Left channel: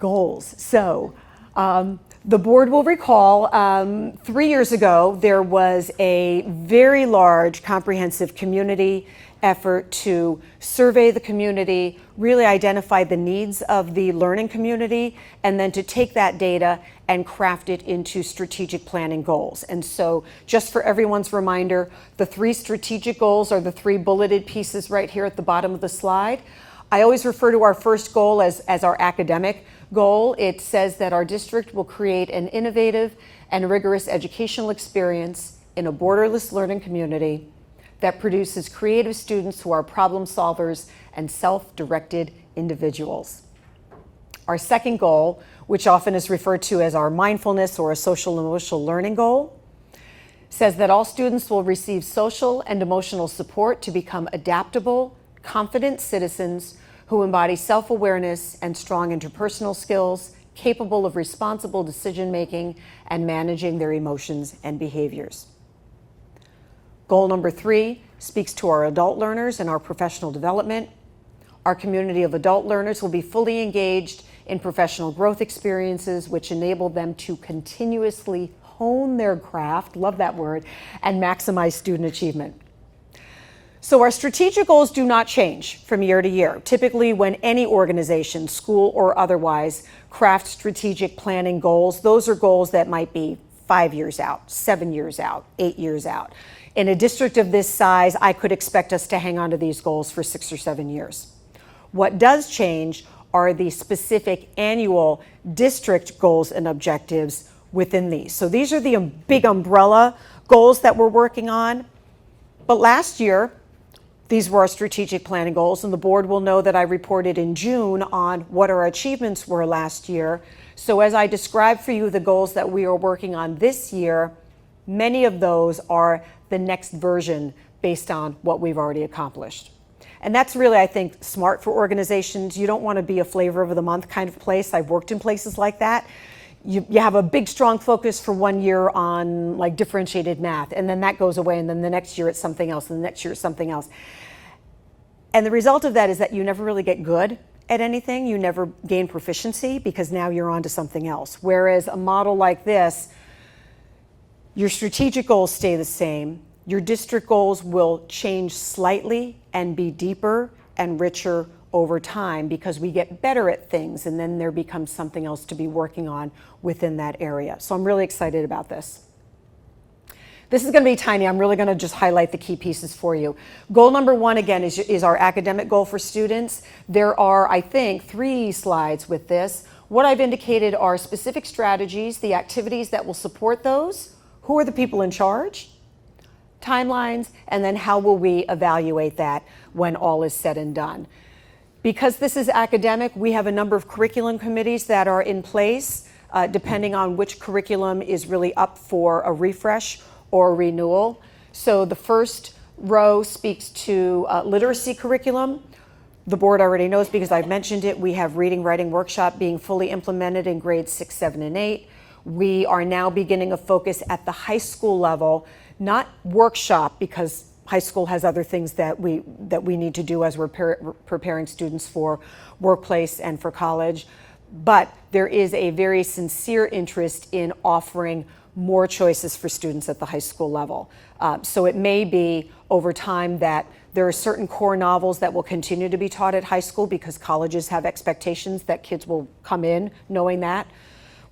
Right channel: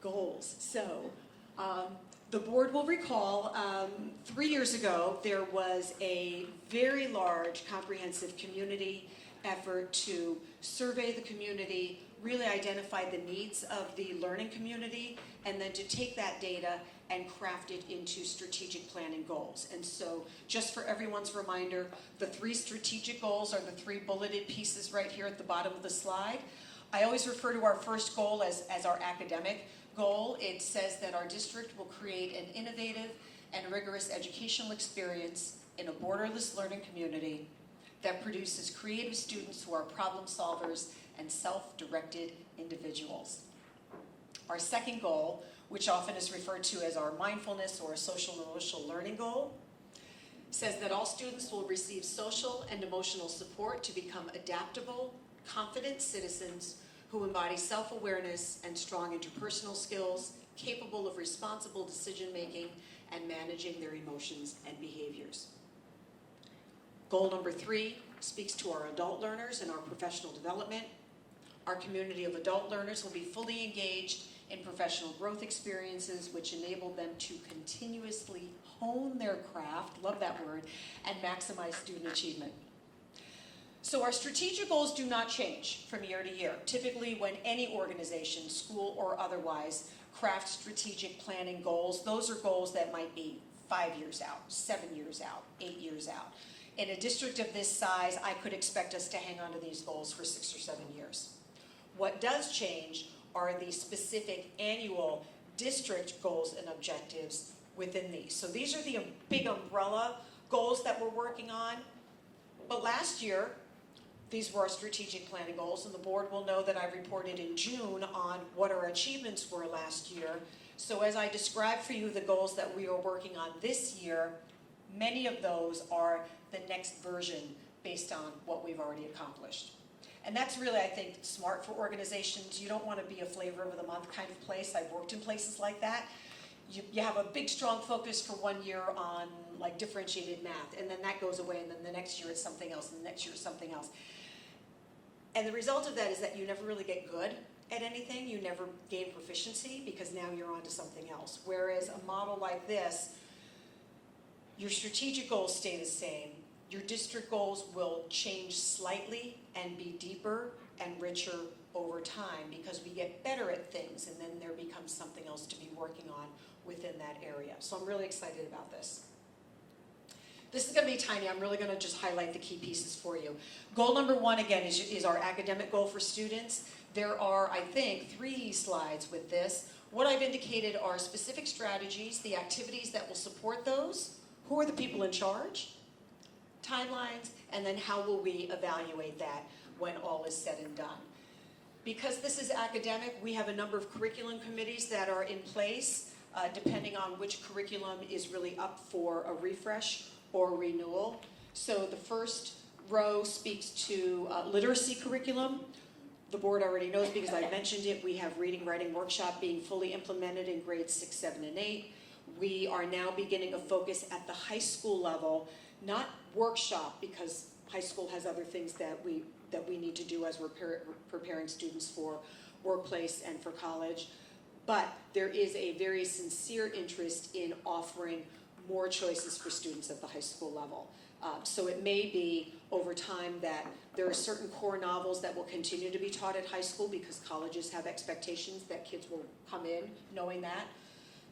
Goals. So the board will recall 3 years ago there was a very large comprehensive community effort to survey the community, really identify the needs of the learning community, and then to take that data and craft it into strategic planning goals. And so just for everyone's reminder, the 3 strategic goals are the 3 bulleted pieces right here at the bottom of the slide. I always refer to our first goal as our academic goal. It says that our district will create an innovative and rigorous educational experience in a borderless learning community that produces creative students who are problem solvers and self-directed individuals. Our second goal, which often is referred to as our mindfulness or a social and emotional learning goal, says that all students will receive social and emotional support to become adaptable, confident citizens who embody self-awareness and strong interpersonal skills, capable of responsible decision-making and managing their emotions and behaviors. Goal number 3 speaks to our adult learners and our professional development. Our community of adult learners will be fully engaged in professional growth experiences which enable them to continuously hone their craft, love that word, and maximize student achievement. So our strategic goals do not change from year to year. Typically, when any organization, school or otherwise, crafts strategic planning goals, those are goals that might be 5 years out, 7 years out, 8 years out. In a district of this size, I could expect us to hang on to these goals for 6 or 7 years. What does change are the specific annual district goals and objectives within these. So these are the big umbrella goals that we're working on. But last year, these were our strategic planning goals, and the board will know that I reported in June on what our achievements were last year. So as I described for you the goals that we are working on this year, many of those are the next version based on what we've already accomplished. And that's really, I think, smart for organizations. You don't want to be a flavor of the month kind of place. I've worked in places like that. You have a big, strong focus for 1 year on like differentiated math, and then that goes away, and then the next year it's something else, and the next year it's something else. And the result of that is that you never really get good at anything. You never gain proficiency because now you're on to something else. Whereas a model like this, your strategic goals stay the same. Your district goals will change slightly and be deeper and richer over time because we get better at things, and then there becomes something else to be working on within that area. So I'm really excited about this. This is going to be tiny. I'm really going to just highlight the key pieces for you. Goal number 1, again, is our academic goal for students. There are, I think, 3 slides with this. What I've indicated are specific strategies, the activities that will support those, who are the people in charge, timelines, and then how will we evaluate that when all is said and done. Because this is academic, we have a number of curriculum committees that are in place, depending on which curriculum is really up for a refresh or renewal. So the first row speaks to literacy curriculum. The board already knows because I've mentioned it. We have reading, writing workshop being fully implemented in grades 6, 7, and 8. We are now beginning a focus at the high school level, not workshop because high school has other things that we need to do as we're preparing students for workplace and for college. But there is a very sincere interest in offering more choices for students at the high school level. So it may be over time that there are certain core novels that will continue to be taught at high school because colleges have expectations that kids will come in knowing that.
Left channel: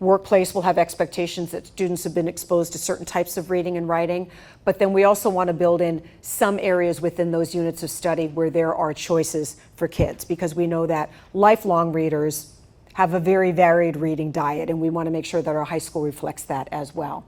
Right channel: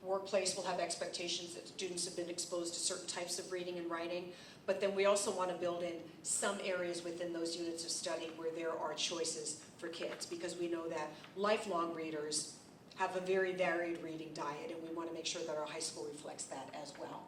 Workplace will have expectations that students have been exposed to certain types of reading and writing, but then we also want to build in some areas within those units of study where there are choices for kids, because we know that lifelong readers have a very varied reading diet, and we want to make sure that our high school reflects that as well.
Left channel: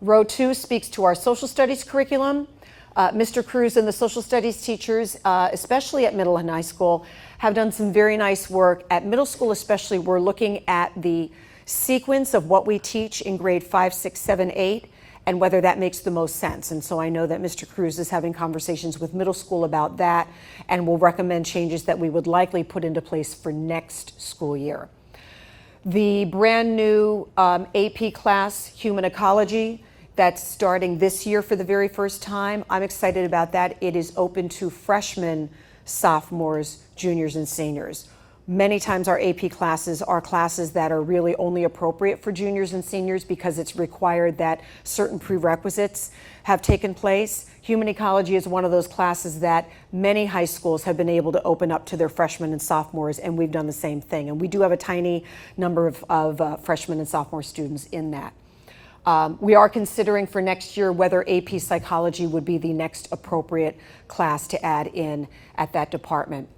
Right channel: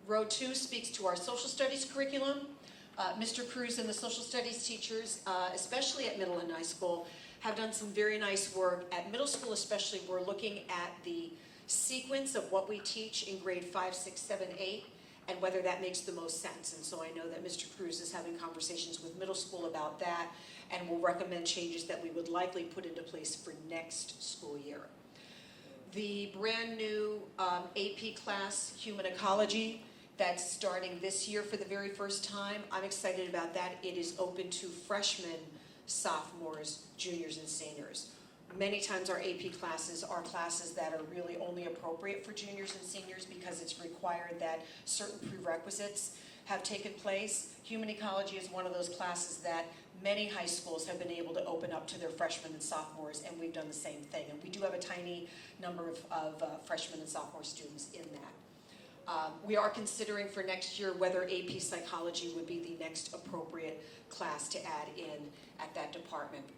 Row 2 speaks to our social studies curriculum. Mr. Cruz and the social studies teachers, especially at middle and high school, have done some very nice work. At middle school especially, we're looking at the sequence of what we teach in grade 5, 6, 7, 8, and whether that makes the most sense. And so I know that Mr. Cruz is having conversations with middle school about that and will recommend changes that we would likely put into place for next school year. The brand new AP class, Human Ecology, that's starting this year for the very first time. I'm excited about that. It is open to freshmen, sophomores, juniors, and seniors. Many times our AP classes are classes that are really only appropriate for juniors and seniors because it's required that certain prerequisites have taken place. Human ecology is one of those classes that many high schools have been able to open up to their freshmen and sophomores, and we've done the same thing. And we do have a tiny number of freshmen and sophomore students in that. We are considering for next year whether AP Psychology would be the next appropriate class to add in at that department.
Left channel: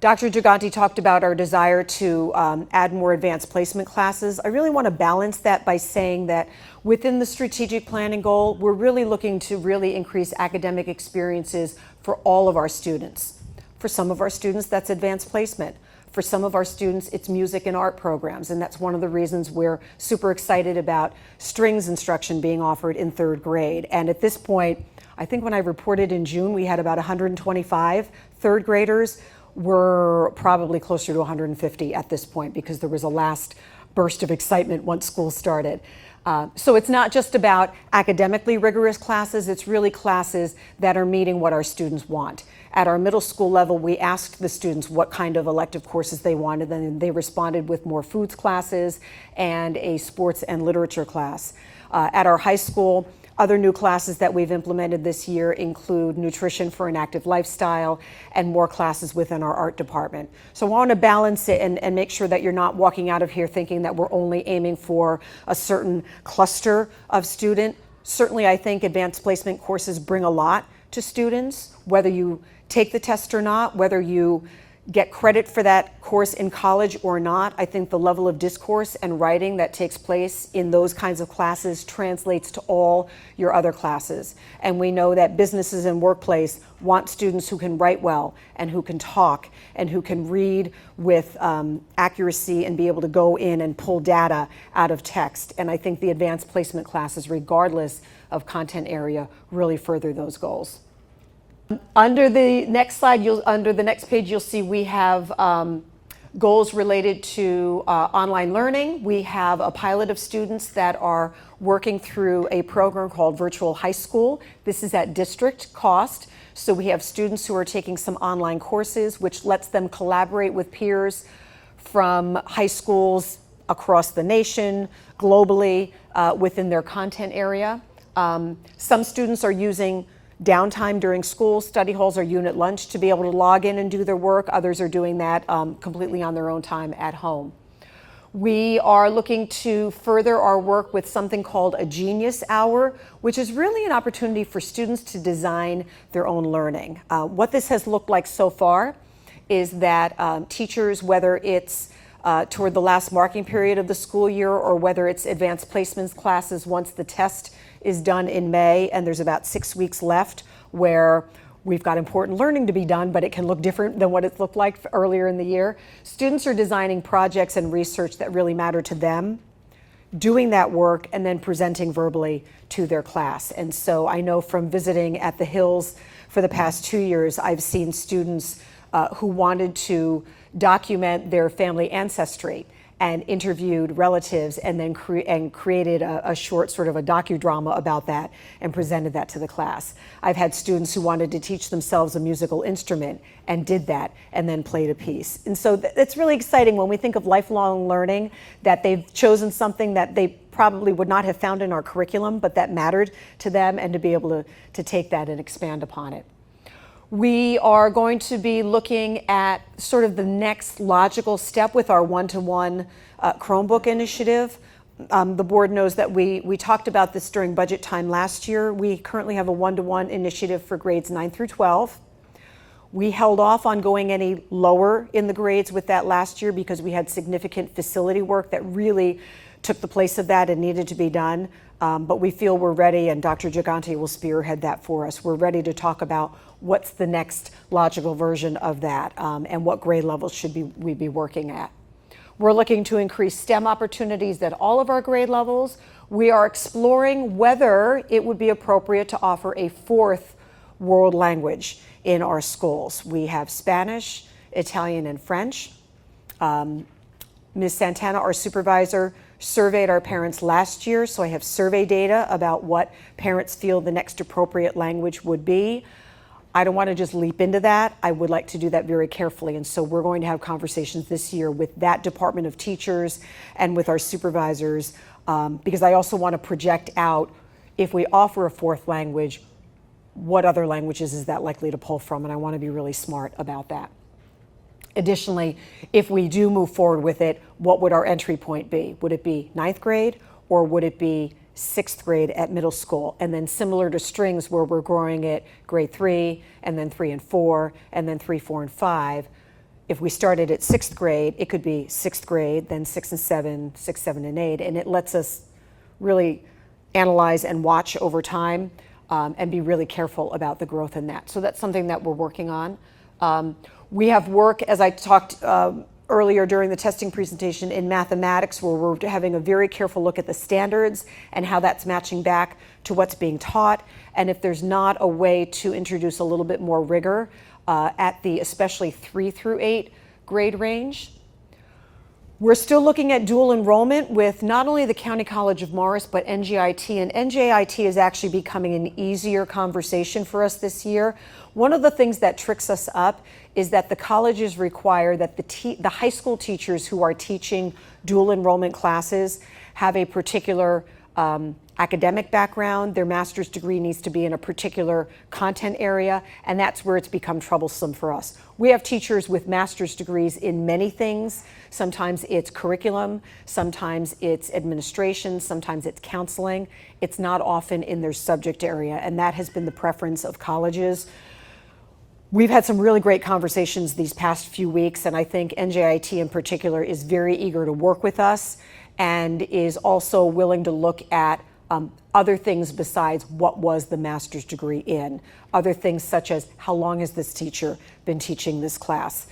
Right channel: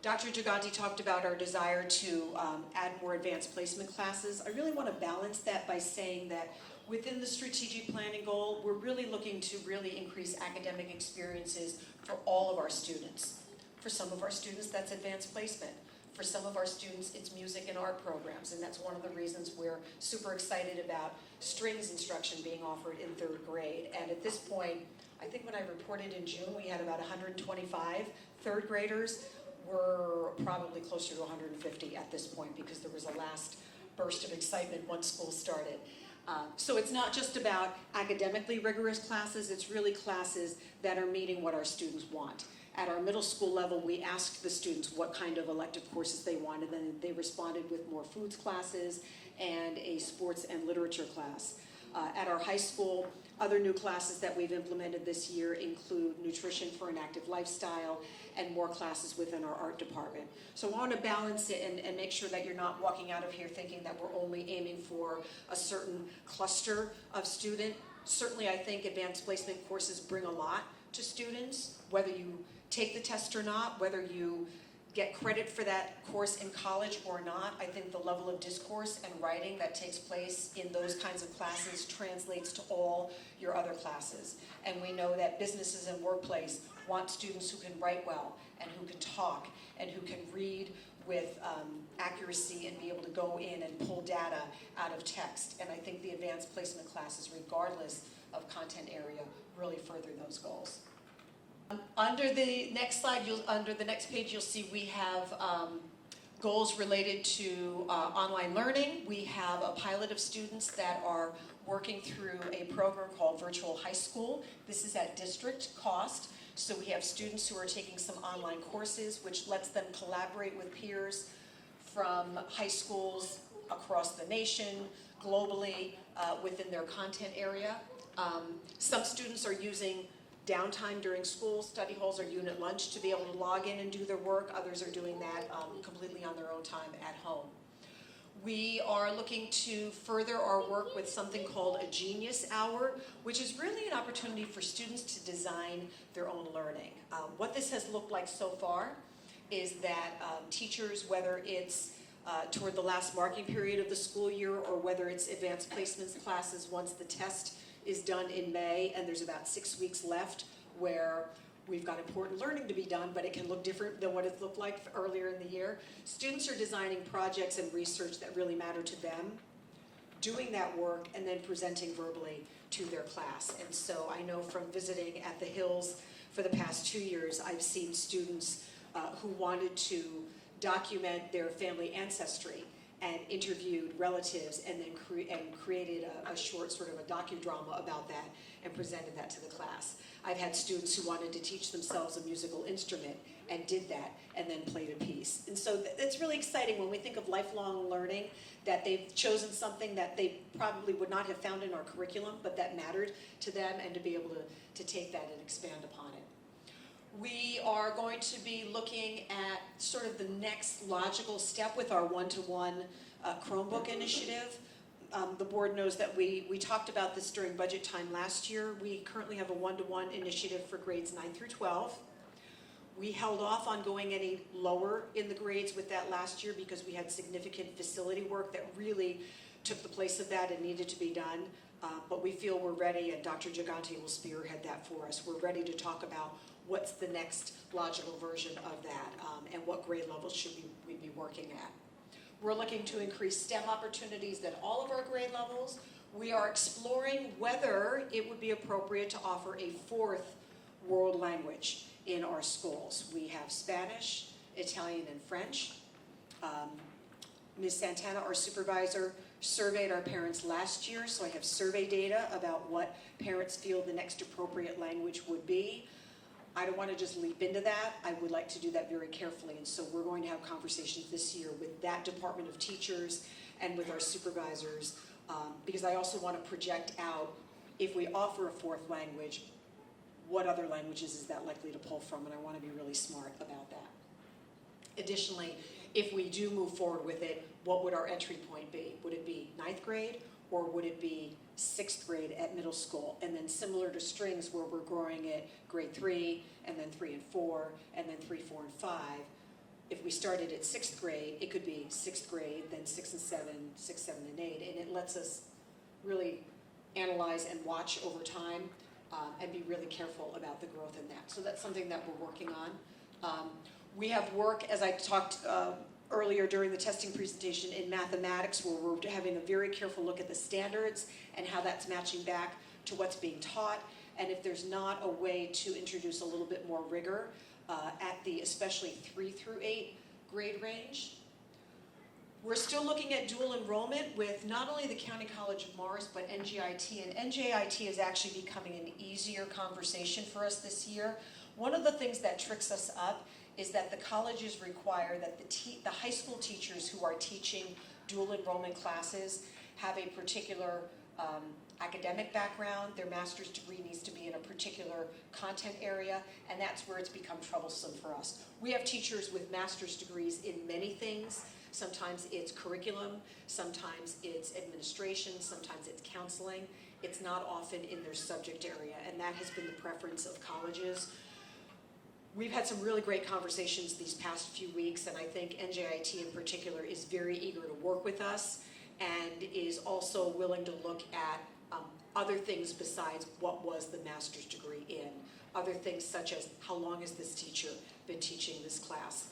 Dr. Giganti talked about our desire to add more advanced placement classes. I really want to balance that by saying that within the strategic planning goal, we're really looking to really increase academic experiences for all of our students. For some of our students, that's advanced placement. For some of our students, it's music and art programs, and that's one of the reasons we're super excited about strings instruction being offered in 3rd grade. And at this point, I think when I reported in June, we had about 125 3rd graders. We're probably closer to 150 at this point because there was a last burst of excitement once school started. So it's not just about academically rigorous classes, it's really classes that are meeting what our students want. At our middle school level, we asked the students what kind of elective courses they wanted, and they responded with more foods classes and a sports and literature class. At our high school, other new classes that we've implemented this year include nutrition for an active lifestyle and more classes within our art department. So I want to balance it and make sure that you're not walking out of here thinking that we're only aiming for a certain cluster of student. Certainly, I think advanced placement courses bring a lot to students, whether you take the test or not, whether you get credit for that course in college or not. I think the level of discourse and writing that takes place in those kinds of classes translates to all your other classes. And we know that businesses and workplace want students who can write well and who can talk and who can read with accuracy and be able to go in and pull data out of text. And I think the advanced placement classes, regardless of content area, really further those goals. Under the next slide, under the next page, you'll see we have goals related to online learning. We have a pilot of students that are working through a program called Virtual High School. This is at district cost. So we have students who are taking some online courses, which lets them collaborate with peers from high schools across the nation, globally, within their content area. Some students are using downtime during school, study halls, or unit lunch to be able to log in and do their work. Others are doing that completely on their own time at home. We are looking to further our work with something called a Genius Hour, which is really an opportunity for students to design their own learning. What this has looked like so far is that teachers, whether it's toward the last marking period of the school year or whether it's advanced placements classes once the test is done in May and there's about 6 weeks left where we've got important learning to be done, but it can look different than what it looked like earlier in the year. Students are designing projects and research that really matter to them, doing that work, and then presenting verbally to their class. And so I know from visiting at the Hills for the past 2 years, I've seen students who wanted to document their family ancestry and interviewed relatives and then created a short sort of a docudrama about that and presented that to the class. I've had students who wanted to teach themselves a musical instrument and did that and then played a piece. And so it's really exciting when we think of lifelong learning that they've chosen something that they probably would not have found in our curriculum, but that mattered to them, and to be able to take that and expand upon it. We are going to be looking at sort of the next logical step with our one-to-one Chromebook initiative. The board knows that we talked about this during budget time last year. We currently have a one-to-one initiative for grades 9 through 12. We held off on going any lower in the grades with that last year because we had significant facility work that really took the place of that and needed to be done. But we feel we're ready, and Dr. Giganti will spearhead that for us. We're ready to talk about what's the next logical version of that and what grade levels should we be working at. We're looking to increase STEM opportunities at all of our grade levels. We are exploring whether it would be appropriate to offer a 4th world language in our schools. We have Spanish, Italian, and French. Ms. Santana, our supervisor, surveyed our parents last year, so I have survey data about what parents feel the next appropriate language would be. I don't want to just leap into that. I would like to do that very carefully. And so we're going to have conversations this year with that department of teachers and with our supervisors, because I also want to project out, if we offer a fourth language, what other languages is that likely to pull from? And I want to be really smart about that. Additionally, if we do move forward with it, what would our entry point be? Would it be ninth grade, or would it be sixth grade at middle school? And then similar to strings, where we're growing it grade 3, and then 3 and 4, and then 3, 4, and 5. If we started at sixth grade, it could be sixth grade, then 6 and 7, 6, 7, and 8. And it lets us really analyze and watch over time, and be really careful about the growth in that. So that's something that we're working on. We have work, as I talked earlier during the testing presentation, in mathematics, where we're having a very careful look at the standards and how that's matching back to what's being taught, and if there's not a way to introduce a little bit more rigor at the especially 3 through 8 grade range. We're still looking at dual enrollment with not only the County College of Morris, but NJIT, and NJIT is actually becoming an easier conversation for us this year. One of the things that tricks us up is that the colleges require that the high school teachers who are teaching dual enrollment classes have a particular academic background. Their master's degree needs to be in a particular content area, and that's where it's become troublesome for us. We have teachers with master's degrees in many things. Sometimes it's curriculum, sometimes it's administration, sometimes it's counseling. It's not often in their subject area, and that has been the preference of colleges. We've had some really great conversations these past few weeks, and I think NJIT in particular is very eager to work with us and is also willing to look at other things besides what was the master's degree in. Other things such as, how long has this teacher been teaching this class?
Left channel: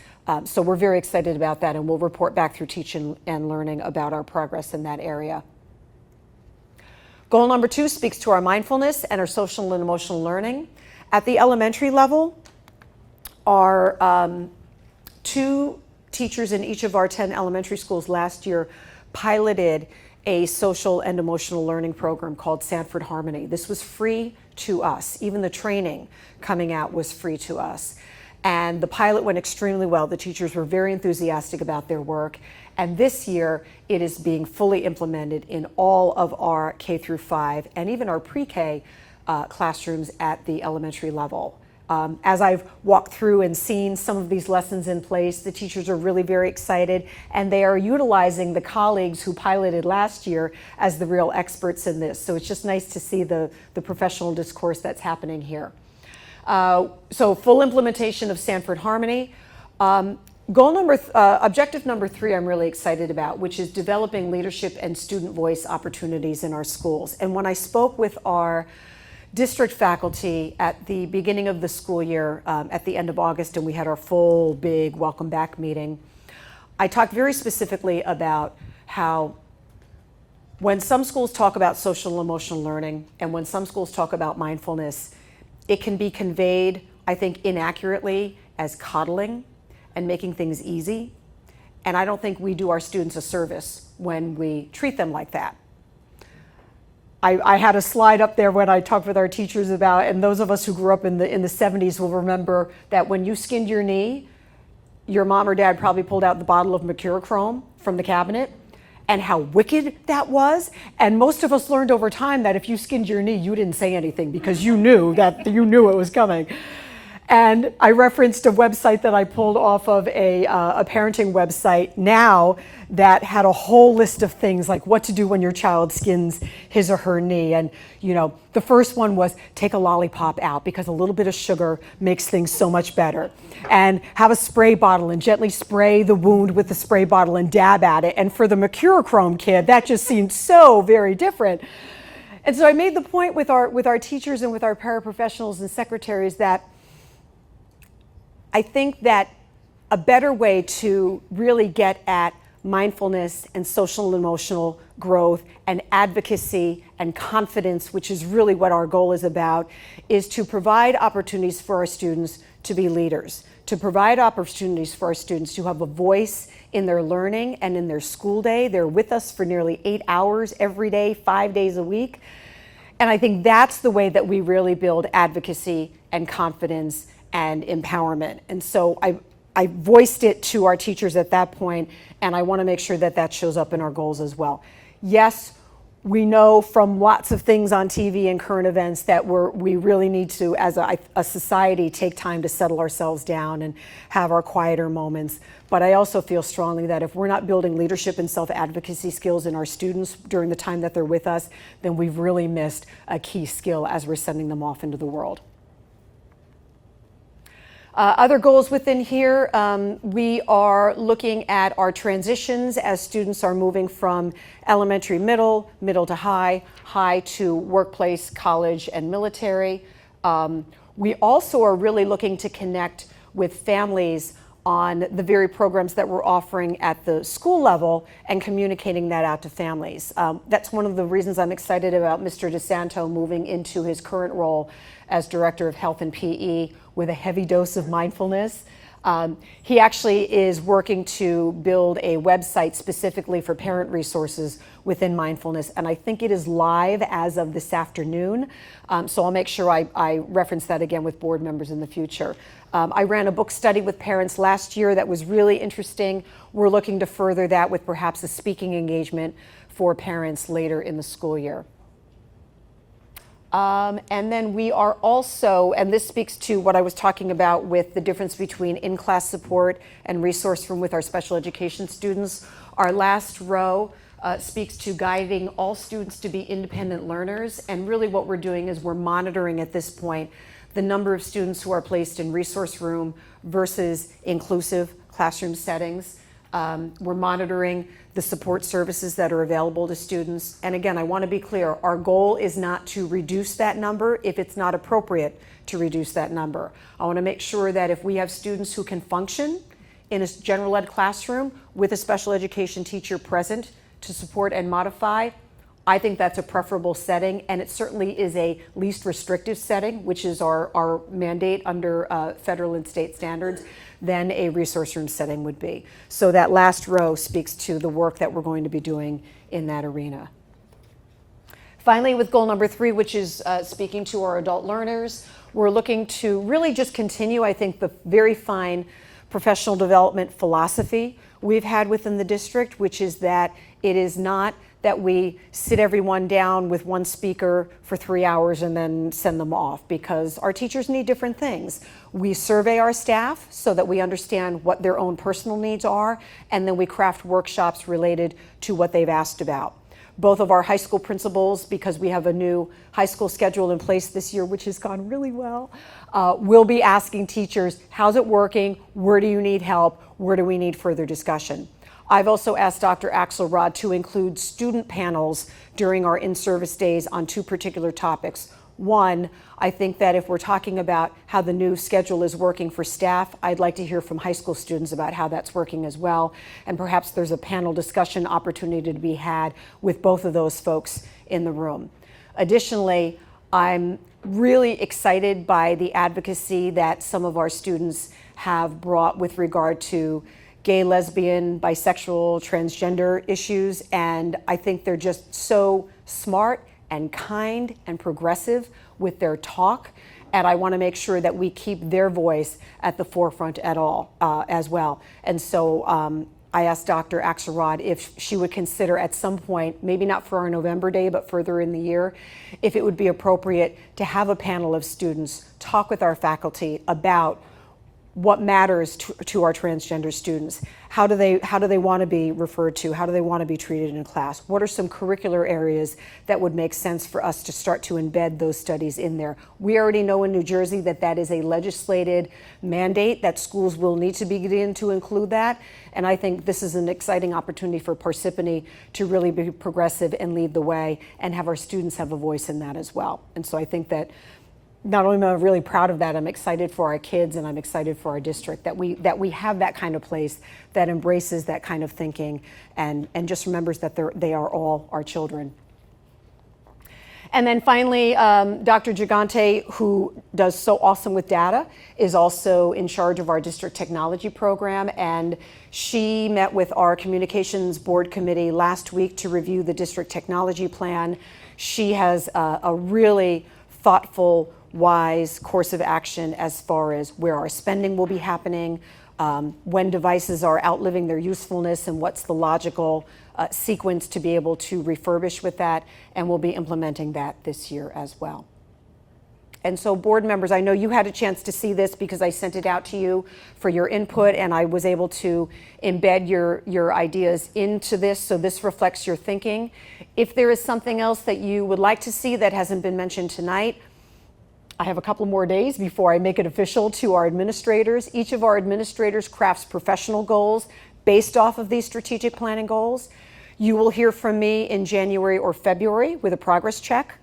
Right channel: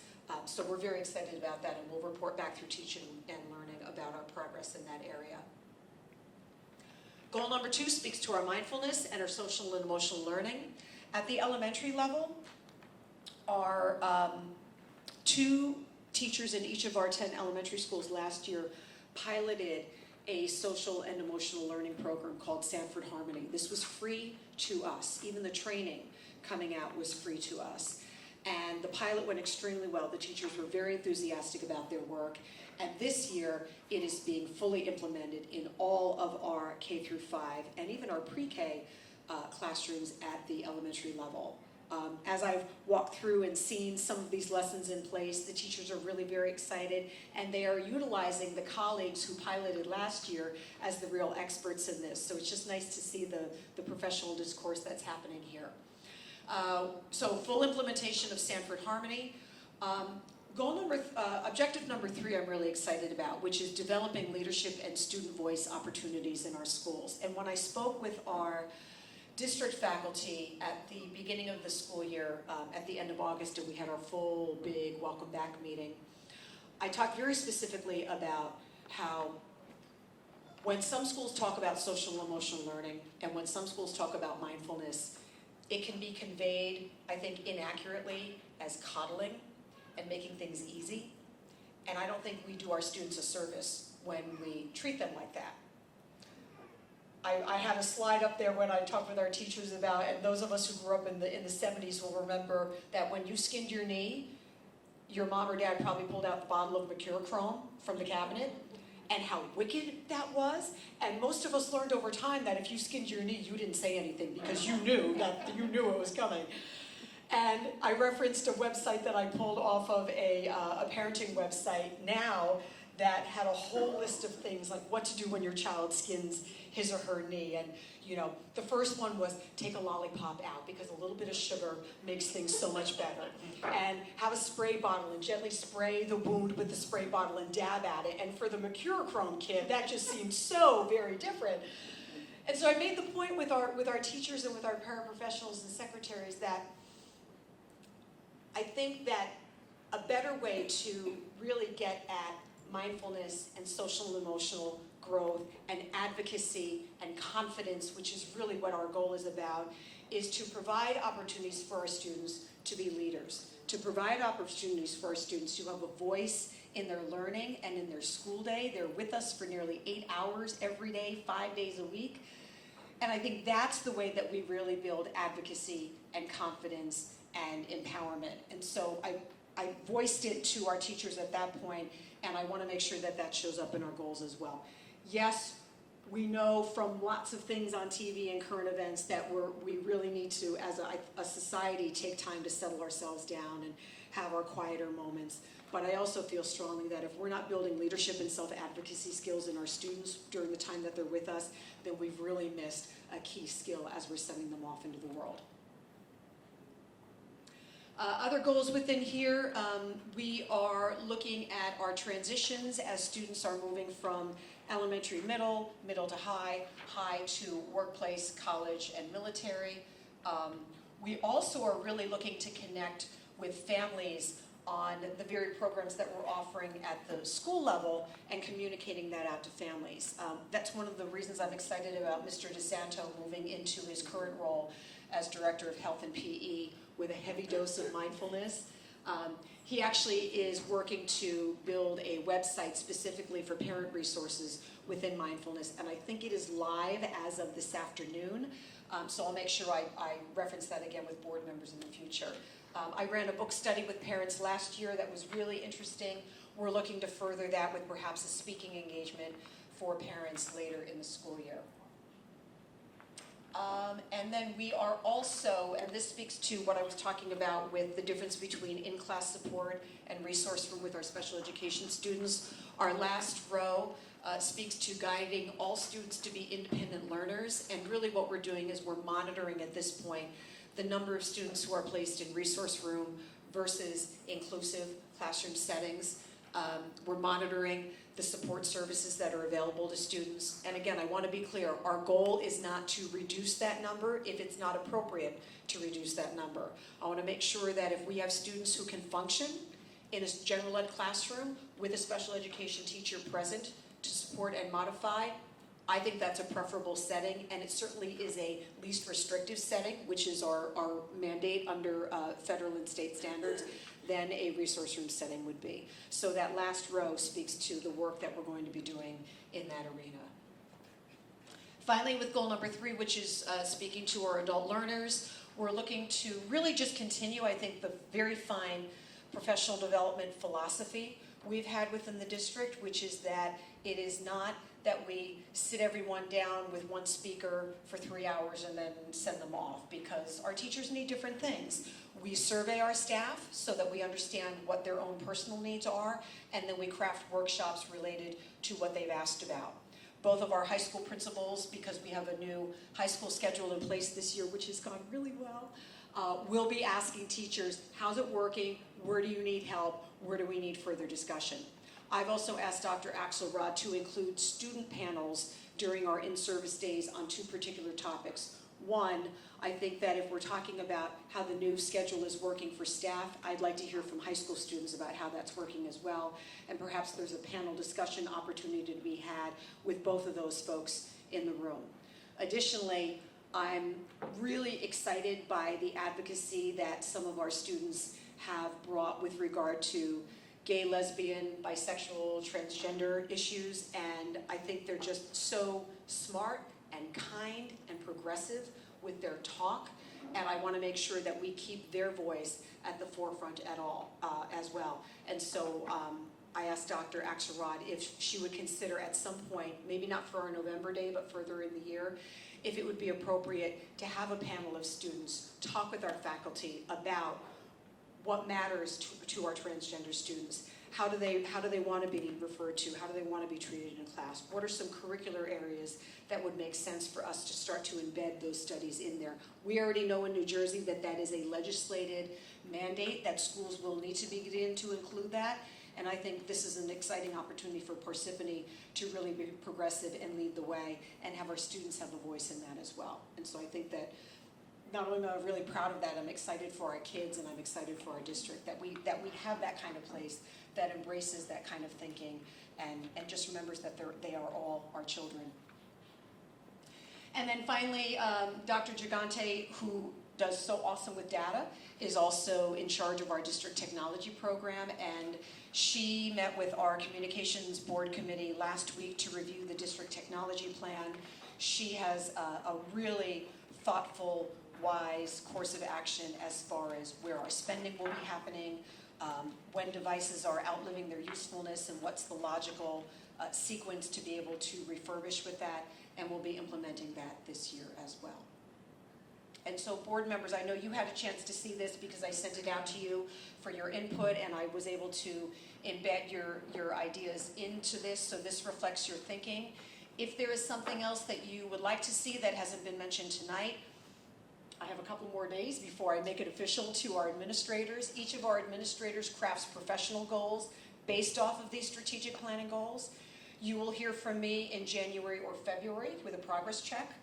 So we're very excited about that, and we'll report back through Teaching and Learning about our progress in that area. Goal number 2 speaks to our mindfulness and our social and emotional learning. At the elementary level, our 2 teachers in each of our 10 elementary schools last year piloted a social and emotional learning program called Sanford Harmony. This was free to us. Even the training coming out was free to us. And the pilot went extremely well. The teachers were very enthusiastic about their work. And this year, it is being fully implemented in all of our K through 5 and even our pre-K classrooms at the elementary level. As I've walked through and seen some of these lessons in place, the teachers are really very excited, and they are utilizing the colleagues who piloted last year as the real experts in this. So it's just nice to see the professional discourse that's happening here. So full implementation of Sanford Harmony. Objective number 3 I'm really excited about, which is developing leadership and student voice opportunities in our schools. And when I spoke with our district faculty at the beginning of the school year, at the end of August, and we had our full big welcome back meeting, I talked very specifically about how when some schools talk about social and emotional learning and when some schools talk about mindfulness, it can be conveyed, I think, inaccurately as coddling and making things easy. And I don't think we do our students a service when we treat them like that. I had a slide up there when I talked with our teachers about, and those of us who grew up in the 70s will remember that when you skinned your knee, your mom or dad probably pulled out the bottle of Mercurochrome from the cabinet, and how wicked that was. And most of us learned over time that if you skinned your knee, you didn't say anything because you knew it was coming. And I referenced a website that I pulled off of a parenting website now that had a whole list of things like what to do when your child skins his or her knee. And the first one was take a lollipop out because a little bit of sugar makes things so much better. And have a spray bottle and gently spray the wound with the spray bottle and dab at it. And for the Mercurochrome kid, that just seemed so very different. And so I made the point with our teachers and with our paraprofessionals and secretaries that I think that a better way to really get at mindfulness and social and emotional growth and advocacy and confidence, which is really what our goal is about, is to provide opportunities for our students to be leaders, to provide opportunities for our students to have a voice in their learning and in their school day. They're with us for nearly 8 hours every day, 5 days a week. And I think that's the way that we really build advocacy and confidence and empowerment. And so I voiced it to our teachers at that point, and I want to make sure that that shows up in our goals as well. Yes, we know from lots of things on TV and current events that we really need to, as a society, take time to settle ourselves down and have our quieter moments. But I also feel strongly that if we're not building leadership and self-advocacy skills in our students during the time that they're with us, then we've really missed a key skill as we're sending them off into the world. Other goals within here, we are looking at our transitions as students are moving from elementary, middle to high, high to workplace, college, and military. We also are really looking to connect with families on the very programs that we're offering at the school level and communicating that out to families. That's one of the reasons I'm excited about Mr. DeSanto moving into his current role as Director of Health and PE with a heavy dose of mindfulness. He actually is working to build a website specifically for parent resources within mindfulness, and I think it is live as of this afternoon. So I'll make sure I reference that again with board members in the future. I ran a book study with parents last year that was really interesting. We're looking to further that with perhaps a speaking engagement for parents later in the school year. And then we are also, and this speaks to what I was talking about with the difference between in-class support and resource room with our special education students. Our last row speaks to guiding all students to be independent learners. And really what we're doing is we're monitoring at this point the number of students who are placed in resource room versus inclusive classroom settings. We're monitoring the support services that are available to students. And again, I want to be clear, our goal is not to reduce that number if it's not appropriate to reduce that number. I want to make sure that if we have students who can function in a general ed classroom with a special education teacher present to support and modify, I think that's a preferable setting, and it certainly is a least restrictive setting, which is our mandate under federal and state standards, than a resource room setting would be. So that last row speaks to the work that we're going to be doing in that arena. Finally, with goal number 3, which is speaking to our adult learners, we're looking to really just continue, I think, the very fine professional development philosophy we've had within the district, which is that it is not that we sit everyone down with one speaker for 3 hours and then send them off, because our teachers need different things. We survey our staff so that we understand what their own personal needs are, and then we craft workshops related to what they've asked about. Both of our high school principals, because we have a new high school schedule in place this year, which has gone really well, will be asking teachers, how's it working? Where do you need help? Where do we need further discussion? I've also asked Dr. Axelrod to include student panels during our in-service days on 2 particular topics. One, I think that if we're talking about how the new schedule is working for staff, I'd like to hear from high school students about how that's working as well. And perhaps there's a panel discussion opportunity to be had with both of those folks in the room. Additionally, I'm really excited by the advocacy that some of our students have brought with regard to gay, lesbian, bisexual, transgender issues, and I think they're just so smart and kind and progressive with their talk, and I want to make sure that we keep their voice at the forefront at all as well. And so I asked Dr. Axelrod if she would consider at some point, maybe not for our November day, but further in the year, if it would be appropriate to have a panel of students talk with our faculty about what matters to our transgender students. How do they want to be referred to? How do they want to be treated in class? What are some curricular areas that would make sense for us to start to embed those studies in there? We already know in New Jersey that that is a legislated mandate, that schools will need to begin to include that. And I think this is an exciting opportunity for Parsippany to really be progressive and lead the way and have our students have a voice in that as well. And so I think that not only am I really proud of that, I'm excited for our kids and I'm excited for our district that we have that kind of place that embraces that kind of thinking and just remembers that they are all our children. And then finally, Dr. Gigante, who does so awesome with data, is also in charge of our district technology program, and She met with our communications board committee last week to review the district technology plan. She has a really thoughtful, wise course of action as far as where our spending will be happening, when devices are outliving their usefulness, and what's the logical sequence to be able to refurbish with that, and we'll be implementing that this year as well. And so board members, I know you had a chance to see this because I sent it out to you for your input, and I was able to embed your ideas into this, so this reflects your thinking. If there is something else that you would like to see that hasn't been mentioned tonight, I have a couple more days before I make it official to our administrators. Each of our administrators crafts professional goals based off of these strategic planning goals. You will hear from me in January or February with a progress check,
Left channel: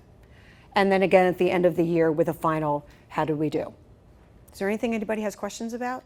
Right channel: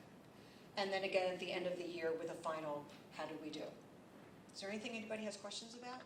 and then again at the end of the year with a final, how did we do? Is there anything anybody has questions about?